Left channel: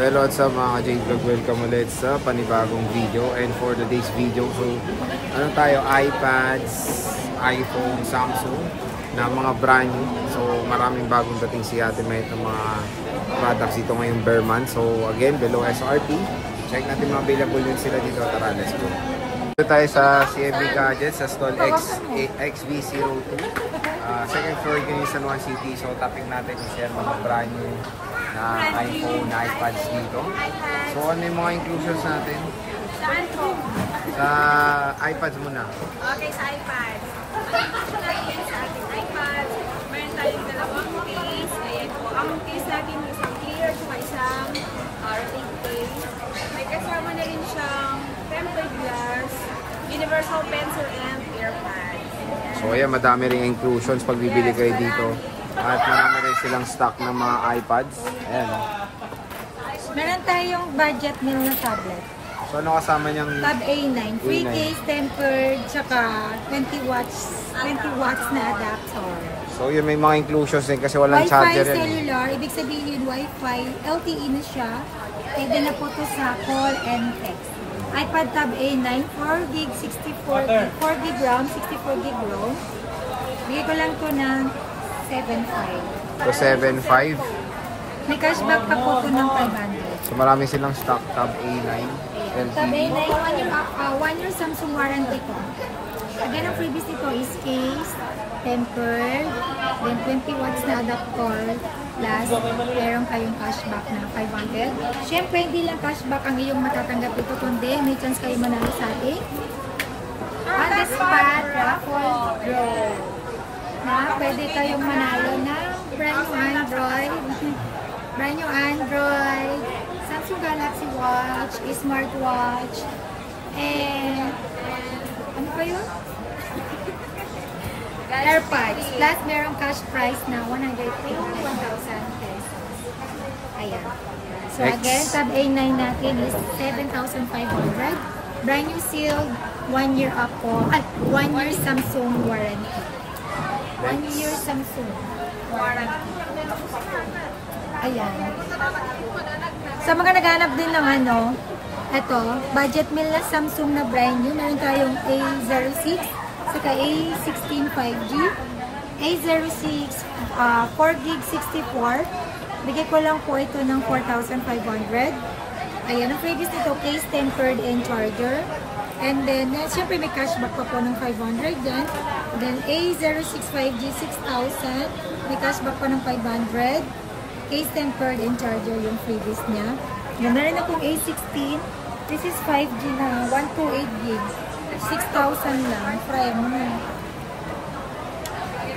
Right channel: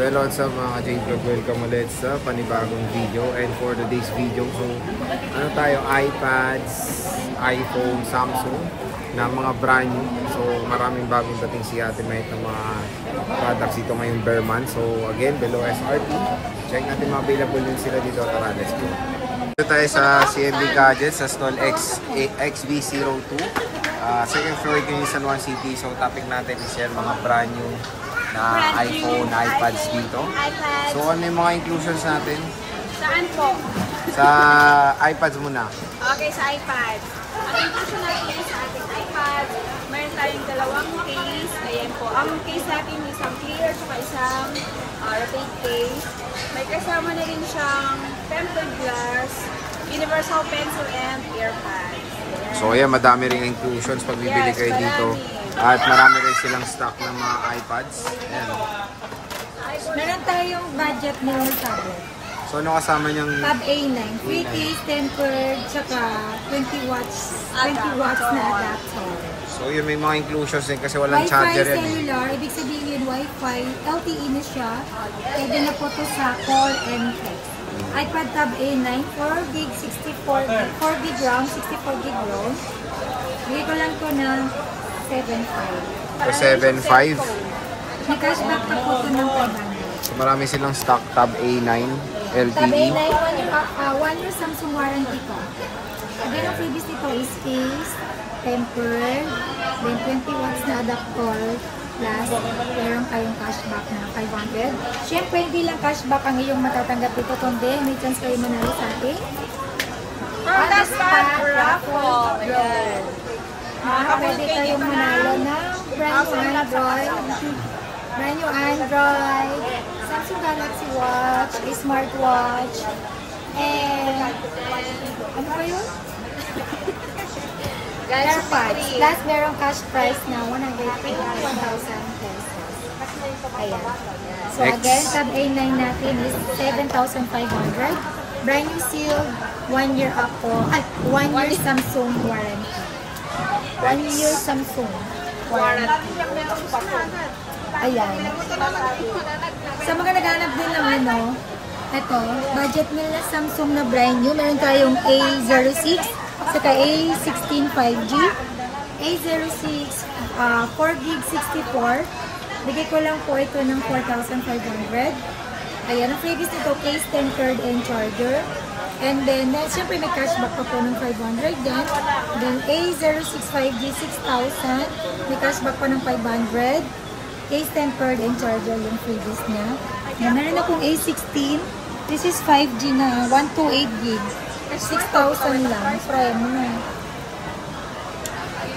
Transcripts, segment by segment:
So hello sa mga ka-J-Vlog, welcome ulit sa panibagong video. And for today's video, so ano tayo, iPads, iPhone, Samsung na mga brand new. So maraming bagong dating si Ate Mayet ng mga products dito ngayong bear month. So again, below SRT, check natin mga available din sila dito. Tara, let's go. Dito tayo sa CMB Gadgets sa stall XB02. Second floor yung San Juan City. So topic natin is yan, mga brand new na iPhone, iPads dito. So ano yung mga inclusions natin? Saan po? Sa iPads muna. Okay, sa iPads. Ang inclusion natin sa ating iPads, mayroon tayong dalawang case. Ayan po. Ang case natin isang clear at isang rotate case. May kasama na rin siyang tempered glass, universal pencil, and earpads. Ayan. So ayan, madami rin inclusions pag bibili kayo dito. At marami rin silang stock ng mga iPads. Ayan. Meron tayong budget nil na tablet. So ano kasama niyang Tab A9, free case, tempered, tsaka 20 watts na adapter. So yun, may mga inclusions din kasi walang charger yan. Wi-Fi cellular, ibig sabihin Wi-Fi, LTE na siya. Pwede na po ito sa call and text. iPad Tab A9, 4GB, 64GB, 4GB RAM, 64GB ROM. Bigay ko lang ito ng 7.5. So 7.5. May cashback pa po ito ng 500. So marami silang stock Tab A9 LTE. Tab A9, 1 year Samsung warranty ko. Again, ang previous nito is case, tempered, then 20 watts na adapter, plus meron kayong cashback na 500. Siyempre, hindi lang cashback ang iyong matatanggap dito, kundi may chance kayo manalo sa ating on the spot raffle draw. Pwede kayong manalo ng brand new Android, Samsung Galaxy Watch, smartwatch, and ano pa yun? AirPods. Plus, merong cash price na 100 to 1,000 pesos. Ayan. So again, Tab A9 natin is 7,500. Brand new sealed, 1 year Apple, 1 year Samsung warranty. 1 year Samsung warranty. Ayan. Sa mga naghanap din ng ano, ito, budget meal na Samsung na brand new. Meron tayong A06, saka A16 5G, A06 4GB 64. Bigay ko lang po ito ng 4,500. Ayan, ang previous nito, case, tempered, and charger. And then, syempre may cashback pa po ng 500 dyan. Then, A06 5G 6,000. May cashback pa ng 500. Case, tempered, and charger yung previous niya. Yan, meron akong A16. This is 5G na, 128GB. 6,000 lang. Try mo na.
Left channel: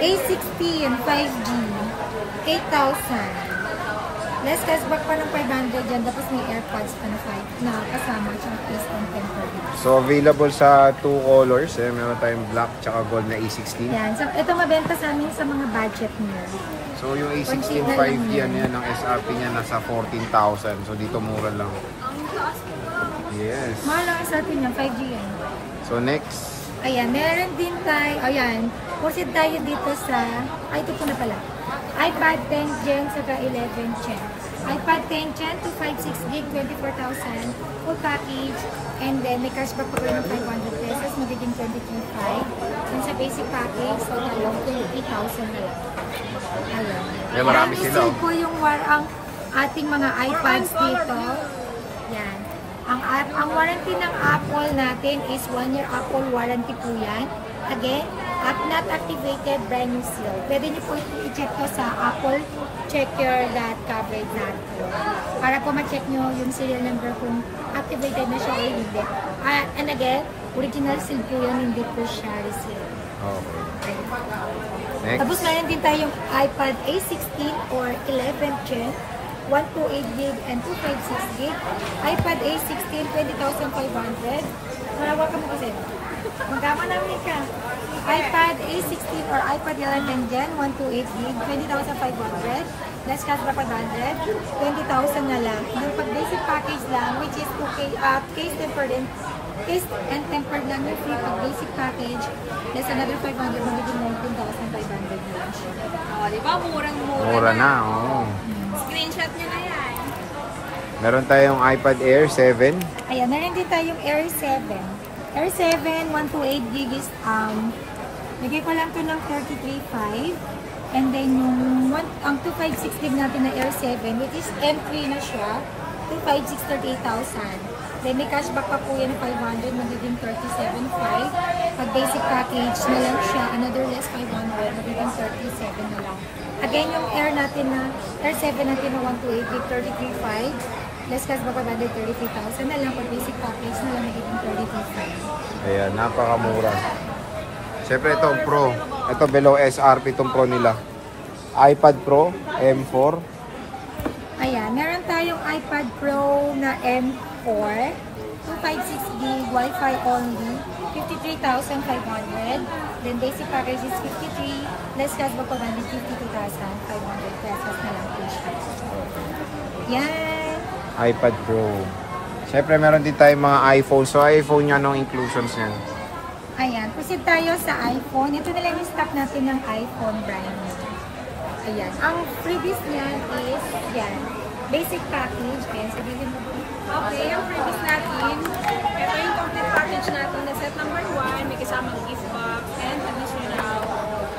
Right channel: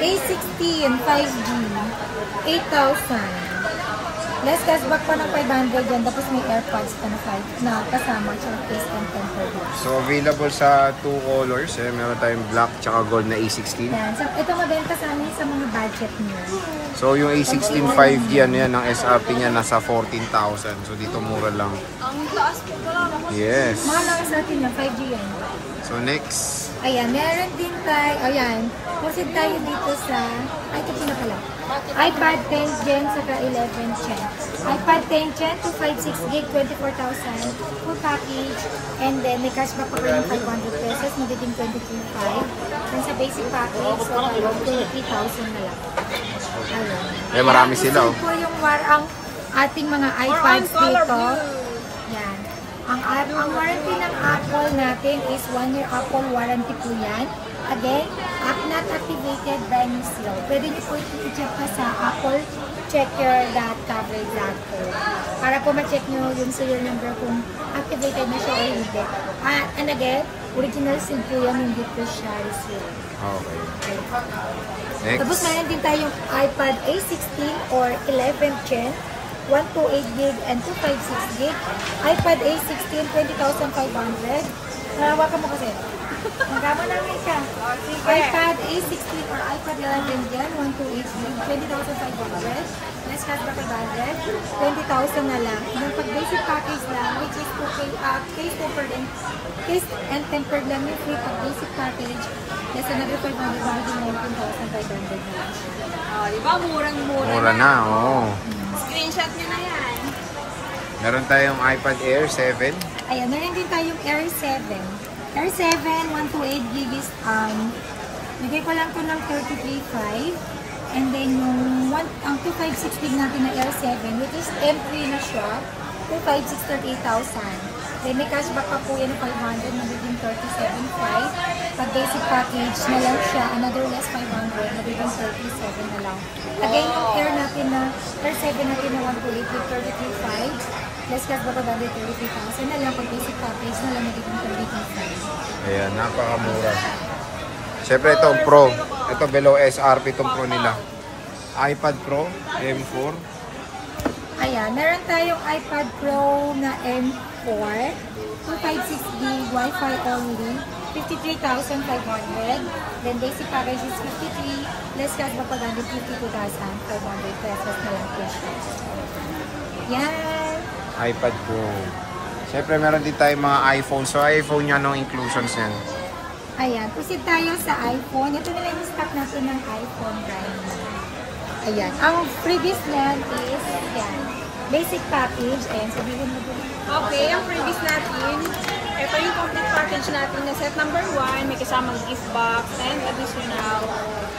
A16 5G 8,000. Less cashback pa ng 500 yan. Tapos may AirPods pa na kasama. Tsaka case and tempered lang. So available sa 2 colors. Meron tayong black tsaka gold na A16. Yan. So, ito mabenta sa amin sa mga budget niyo. So yung A16 5G ano yan, ang SRP niya nasa 14,000. So dito mura lang. Yes. Mahal lang sa atin yan. 5G yan. So next. Ayan. Meron din tayo. Ayan. Proceed tayo dito sa... Ay, ito po na pala. iPad 10 Gen saka 11 Gen. iPad 10 Gen, 256GB, 24,000. Full package. And then, may cashback pa rin ng 500 pesos. Magiging 23,500. And sa basic package, so tayo, 23,000 na lang. Ayan. Eh, marami sila. Ito po yung ang ating mga iPads dito. Yan. Ang warranty ng Apple natin is 1 year Apple warranty po yan. Again, app not activated, brand new seal. Pwede niyo po i-check na sa applechecker.coverage.com para po ma-check nyo yung serial number kung activated na siya o hindi. And again, original seal po yan, hindi po siya reseal. Okay. Next. Tapos mayroon din tayong iPad A16 or 11 Gen, 128GB and 256GB. iPad A16, 20,500. Narawakan mo kasi. Magkama namin ka. iPad A16 or iPad 11 Gen, 128GB, 20,500. Less cashback 500. 20,000 na lang. Yung pag basic package lang, which is 2K, case and tempered lang yung free pag basic package. Less another 500, magiging 19,500 na lang siya. Diba? Murang-mura Mura na, oo. Screenshot nyo na yan. Meron tayong iPad Air 7. Ayan, meron din tayong Air 7. Air 7, 128 GB is, bigay ko lang to ng 33.5. And then yung ang 256 GB natin na Air 7, which is M3 na siya, 256, 38,000. Then may cashback pa po yan ng 500, magiging 37.5. Pag basic package na lang siya, another less 500, magiging 37 na lang. Again, yung Air natin na, Air 7 natin na 128 GB, 33.5. Less cashback pa 33,000 na lang. Pag basic package na lang, magiging 32.5. Ayan, napakamura. Siyempre itong Pro. Ito below SRP itong Pro nila. iPad Pro M4. Ayan, meron tayong iPad Pro na M4. 256 GB, Wi-Fi only. 53,500. Then basic package is 53. Less cashback pa 52,500 pesos na lang po siya. Yan. iPad Pro. Siyempre meron din tayong mga iPhone. So iPhone yan, anong inclusions yan? Ayan, proceed tayo sa iPhone. Ito na lang yung stock natin ng iPhone brand new. Ayan, ang freebies niyan is yan. Basic package. Ayan, sabihin mo dun. Okay, ang freebies natin, ito yung complete package natin na set number 1, may kasamang gift box, and additional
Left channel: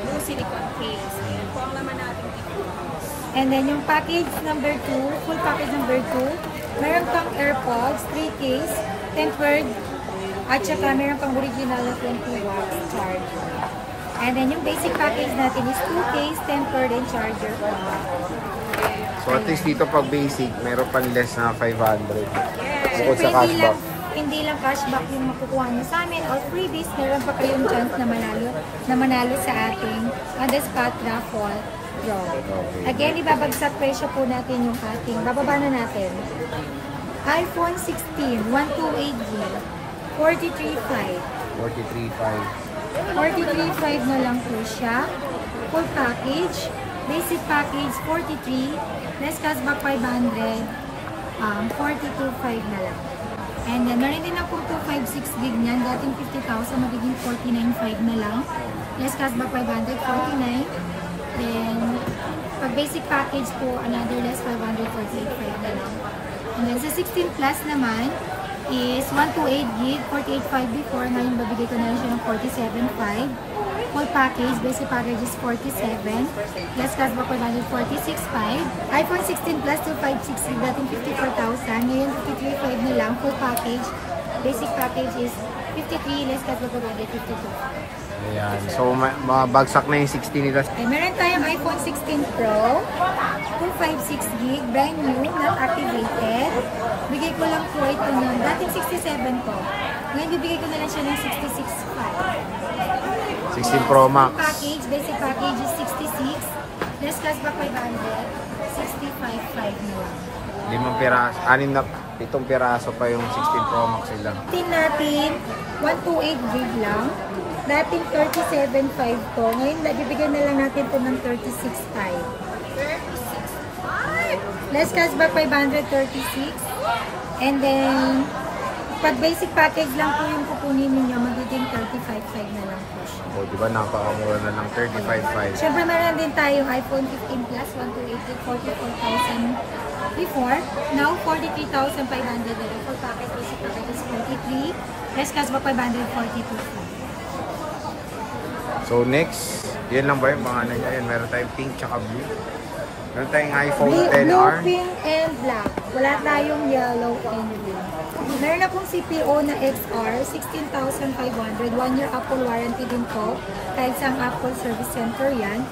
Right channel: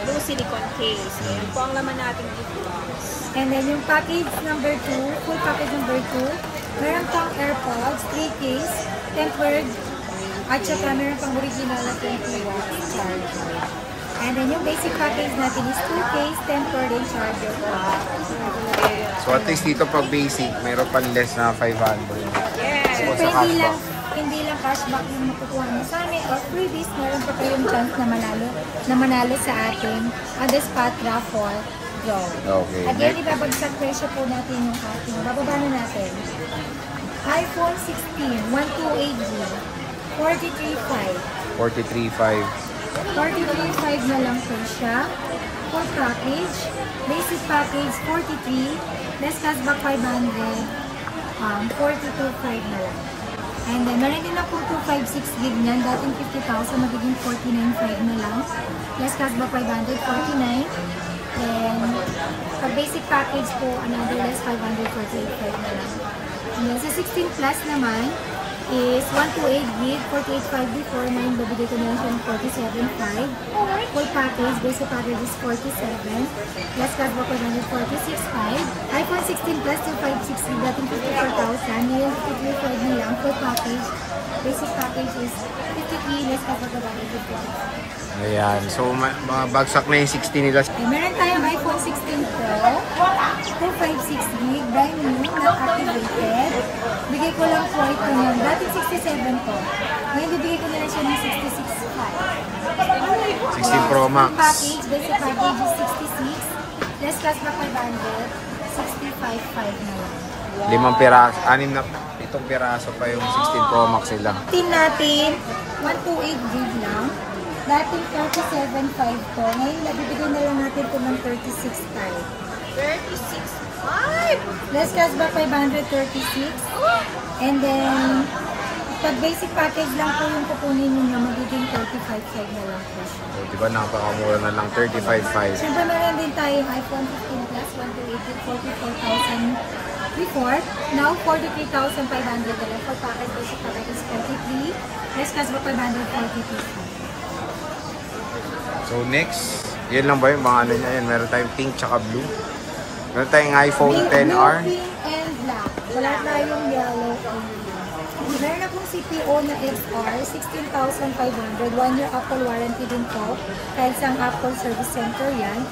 blue silicone case. Ayan po ang laman natin ito. And then yung package number 2, full package number 2, meron pang AirPods, 3 case, tempered, at saka meron pang original na 20 watts charger. And then yung basic package natin is 2 case, tempered, and charger pa. So at least dito pag basic, meron pan less na 500. Siyempre hindi lang cashback yung makukuha mo sa amin or freebies, meron pa kayong chance na manalo sa ating on the spot raffle draw. Okay. Again, ibabagsak presyo po natin yung ating. Bababa na natin. iPhone 16, 128GB, 43.5. 43.5. 43.5 na lang po siya. Full package. Basic package, 43. Less cashback, 500. 42.5 na lang. And then, meron din akong 256 gig niyan. Dating 50,000, magiging 49.5 na lang. Less cashback, 500, 49. Then, pag basic package po, another less 500, 48.5 na lang. And then, sa 16 plus naman, is 128 gig, 48.5 before. Ngayon, babigay ko na lang siya ng 47.5. Full package, basic package is 47. Less cashback, 46.5. iPhone 16 plus 256 gig, dating 54,000. Ngayon, 53.5 na lang. Full package, basic package is 53. Less cashback, 52. Ayan. So mabagsak na yung 60 nila. Meron tayong iPhone 16 Pro, 256 gig, brand new, not activated. Bigay ko lang po ito ng dating 67 po. Ngayon, bibigay ko na lang siya ng 66.5. 16 Pro Max. Package, basic package is 66. Less cashback 500, 65.5 na lang. 5 piraso, 6 na itong piraso pa yung 16 Pro Max nila. Tin natin, 128 gig lang. Dating 37.5 po. Ngayon, bibigyan na lang natin ito ng 36.5. 36.5! Less cashback 536. And then, pag basic package lang po yung kukunin ninyo, magiging 35.5 na lang po siya. O, diba napakamura na lang, 35.5. Siyempre, meron din tayong iPhone 15 Plus, 128 44,000 before. Now, 43,500 na lang. For package, basic package is 43. Less cashback 542. So next, yan lang ba yung mga ano niya? Yan, meron tayong pink tsaka blue. Meron tayong iPhone XR. Blue, pink, and black. Wala tayong yellow and blue. Meron akong CPO na XR, 16,500. 1-year Apple warranty din to. Kahit sa Apple Service Center yan.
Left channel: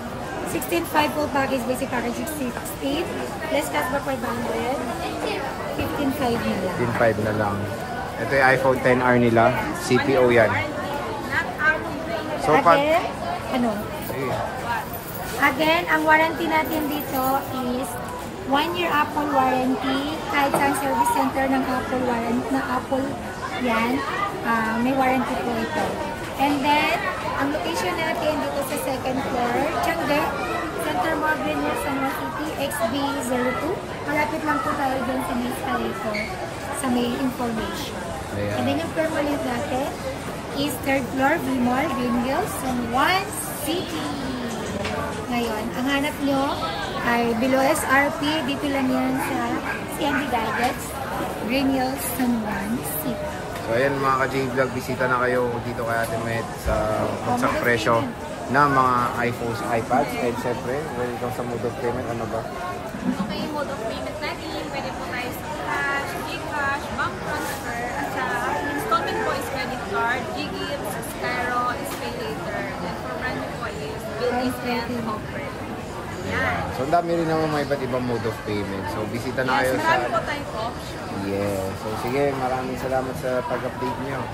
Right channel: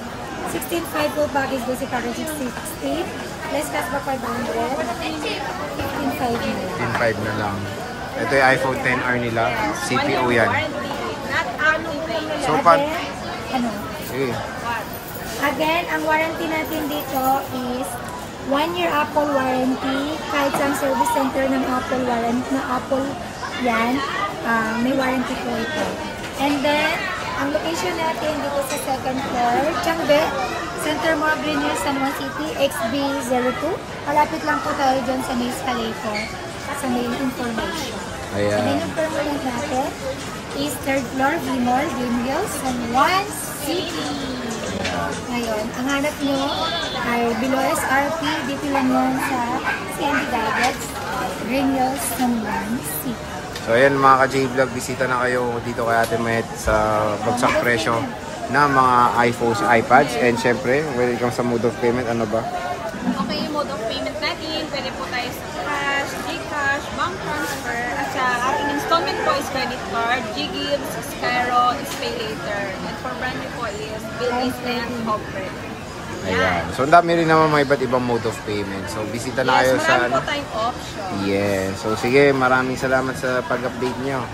16.5 full package, basic package 16. Less cashback 500. 15.5 na lang. 15.5 na lang. Ito yung iPhone XR nila. CPO yan. So, Again, ang warranty natin dito is 1-year Apple warranty. Kahit sa service center ng Apple warranty na Apple yan, may warranty po ito. And then, ang location natin dito sa second floor, Tiangge, Center Mall, Green Hills, San Juan City, XB02. Malapit lang po tayo dyan sa may escalator, sa may information. Ayan. And then yung permanent natin is third floor, V-Mall, Green Hills, San Juan City. Ngayon, ang hanap nyo ay below SRP. Dito lang yan sa CND Gadgets, Green Hills, San Juan City. So ayan mga ka-J-Vlog, bisita na kayo dito kay Ate Met sa bagsak presyo na mga iPhones, iPads. And syempre, when it comes sa mode of payment, ano ba? Okay, yung mode of payment natin, pwede po tayo sa cash, Gcash, bank transfer, at sa ating installment po is credit card, Ggives, Skyro, is pay later. And for brand new po is bill-in and corporate. Ayan. So ang dami rin naman mga iba't ibang mode of payment. So bisita na kayo sa... Marami po tayong option. Yes. So sige, maraming salamat sa pag-update nyo.